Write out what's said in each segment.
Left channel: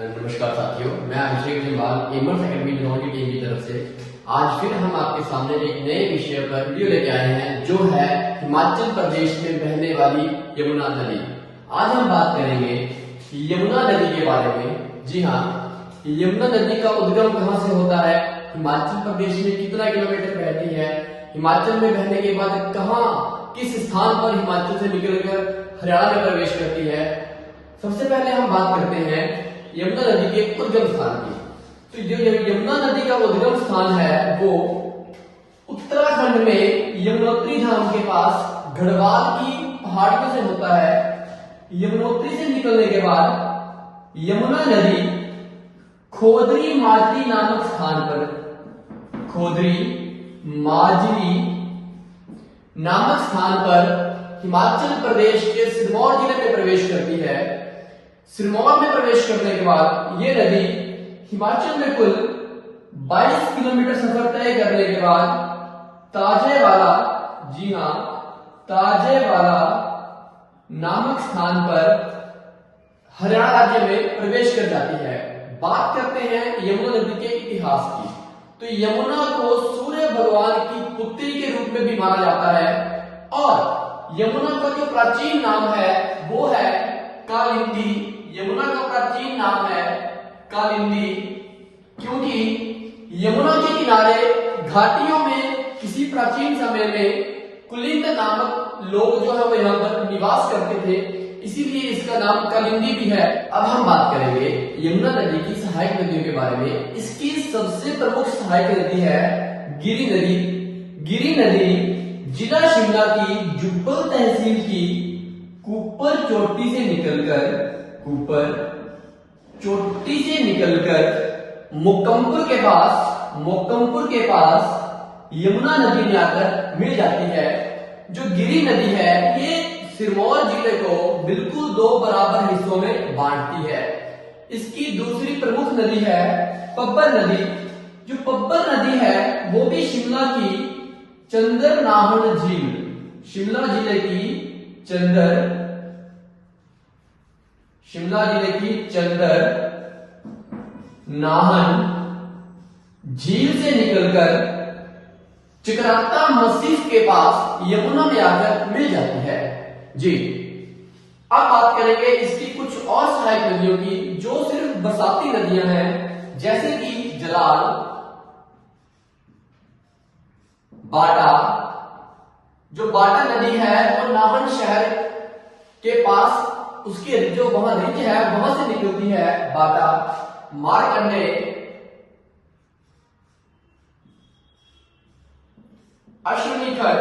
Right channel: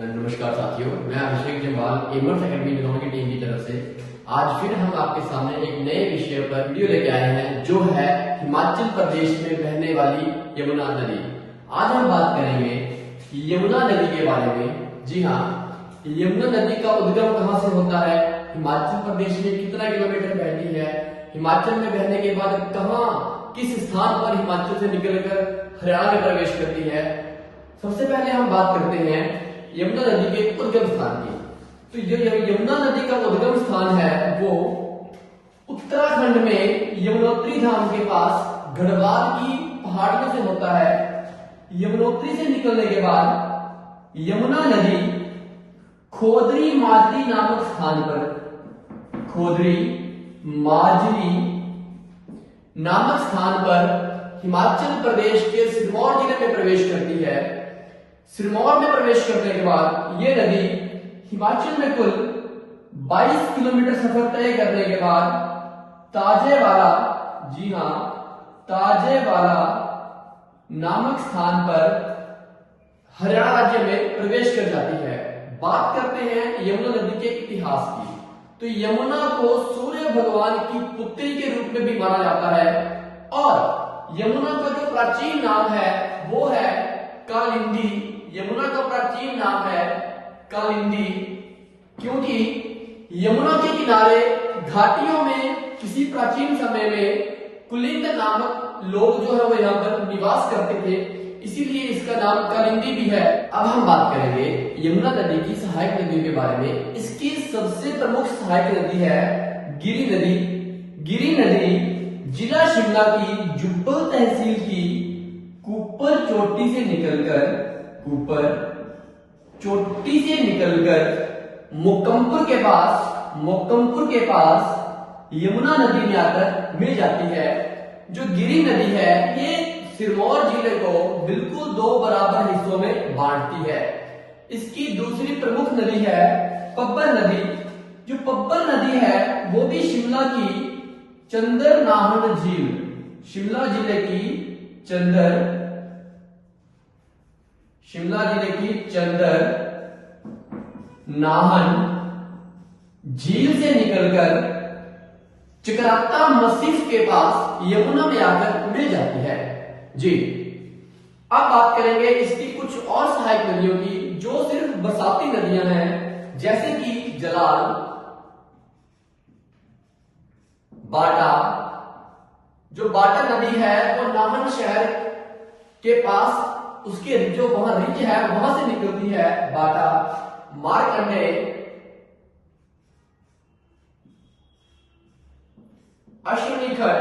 नमस्कार साथियों, मैं अभिषेक जम्वाल एमर्स एकेडमी की टीम की तरफ से आज फिर हम आपके सामने एक नए विषय पर वीडियो लेके आए हैं, जो है हिमाचल प्रदेश में बहने वाली यमुना नदी। आज हम बात करेंगे यमुना नदी के बारे में। जी हाँ, यमुना नदी का उद्गम कहाँ से होता है, हिमाचल प्रदेश में कितना किलोमीटर बहती है, हिमाचल में बहने के बाद कहाँ किस स्थान पर हिमाचल से निकलकर हरियाणा में प्रवेश करती है। सबसे पहले हम बात करते हैं यमुना नदी के उद्गम स्थान की। तो जो यमुना नदी का उद्गम स्थान है वो उत्तराखंड में यमुनोत्री धाम के पास गढ़वाल की पहाड़ियों से होता है। यमुनोत्री से निकलने के बाद यमुना नदी खोदरी माजरी नामक स्थान पर, खोदरी माजरी नामक स्थान पर हिमाचल प्रदेश के सिरमौर जिले में प्रवेश करती है। सिरमौर में प्रवेश करने के बाद ये नदी हिमाचल में कुल 22 किलोमीटर सफर तय करने के बाद ताजेवाला, जी हाँ, ताजेवाला नामक स्थान पर हरियाणा राज्य में प्रवेश कर जाती है। बात करते हैं यमुना नदी के इतिहास की। तो यमुना को सूर्य भगवान की पुत्री के रूप में भी माना जाता है और यमुना का जो प्राचीन नाम है वो है कालिंदी। यमुना का प्राचीन नाम है कालिंदी, क्योंकि यमुना के किनारे घाटियों में किसी प्राचीन समय में कुलिंद नामक लोग जो है वो यहाँ पर निवास करते थे, इसीलिए इसका नाम कालिंदी भी है। अब हम बात करेंगे यमुना नदी की सहायक नदियों के बारे में। इसकी सबसे प्रमुख सहायक नदी है गिरी नदी। गिरी नदी जिला शिमला की जुब्बल तहसील की कुप्पर चोटी से निकलकर मोकमपुर के पास यमुना नदी में आकर मिल जाती है। जो गिरी नदी है ये सिरमौर जिले को बिल्कुल 2 बराबर हिस्सों में बांटती है। इसकी दूसरी प्रमुख नदी है पब्बर नदी। जो पब्बर नदी है वो भी शिमला की चंदरनाहन झील, शिमला जिले की चंदर नाहन झील से निकलकर चकराता मसीह के पास यमुना में आकर मिल जाती है। जी, अब बात करेंगे इसकी कुछ और सहायक नदियों की जो सिर्फ बरसाती नदियां हैं, जैसे कि जलाल, बाटा। जो बाटा नदी है वो नाहन शहर के पास उसके जो वहां रिंग है वहां से निकलती है बाटा, मारकंडे, अश्वनीखर,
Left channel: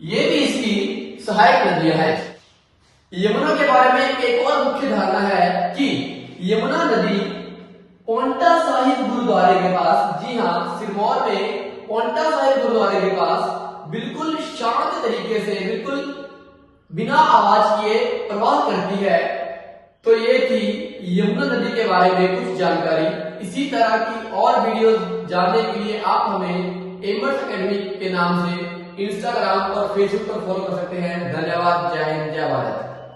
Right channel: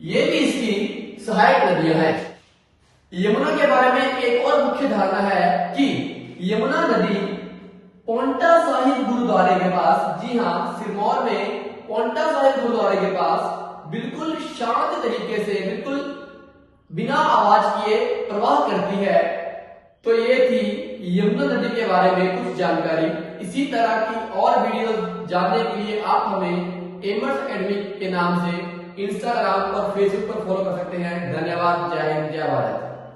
ये भी इसकी सहायक नदियां हैं। यमुना के बारे में एक और मुख्य धारणा है कि यमुना नदी पोंटा साहिब गुरुद्वारे के पास, जी हाँ, सिरमौर में पोंटा साहिब गुरुद्वारे के पास बिल्कुल शांत तरीके से, बिल्कुल बिना आवाज किए प्रवाह करती है। तो ये थी यमुना नदी के बारे में कुछ जानकारी। इसी तरह की और वीडियोस जानने के लिए आप हमें एमर्स एकेडमी के नाम से इंस्टाग्राम और फेसबुक पर फॉलो कर सकते हैं। धन्यवाद। जय हिंद, जय भारत।